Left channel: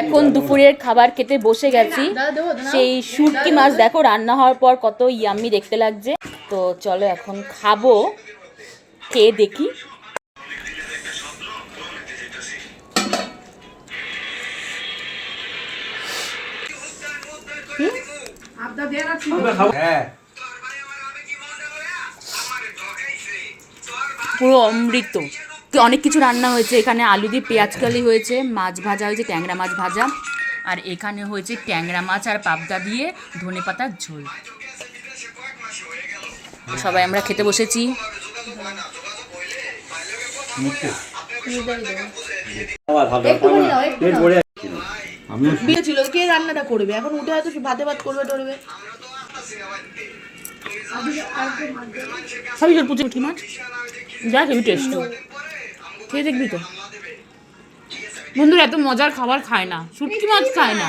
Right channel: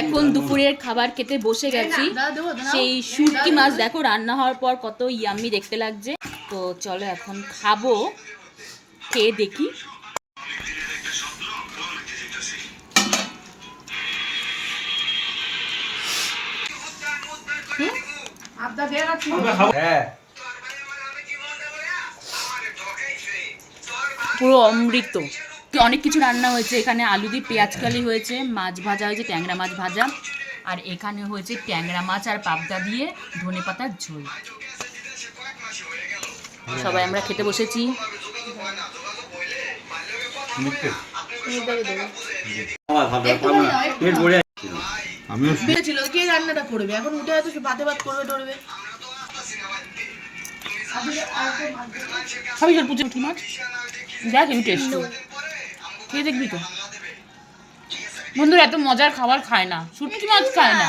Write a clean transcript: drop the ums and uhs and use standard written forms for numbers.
এখন দুপুরের খাবার খেতে বসে গেছি। সেই শুটকি মাছ দেখো রান্না হওয়ার পর কত ইয়াম্মি দেখতে লাগছে। তো চলো এখন খাবো, খেয়ে দেখি। পুরো অমৃত। অনেক কিছু রান্না হয়েছে এখানে। আলু দিয়ে পেঁয়াজ কালি হয়েছে, মাছ ভাজা হয়েছে, ট্যাংরা মাছ ভাজা, আর এখানে হয়েছে ট্যাংরা মাছ আর পাবদা দিয়ে ধনেপাতার ঝোল। সবাই আমরা খেতে বসেছি। কে রান্নাটা করবে এখন? উঠে হয়তো ভাতে ভাত করবে টরবে। সবই জল পুঁটি মাছ দেখ হেবি টেস্ট, খেয়ে দেখবি তো। বন্ধুরা এত মজার খাবার খায় না, শুটকি মাছ খায় না।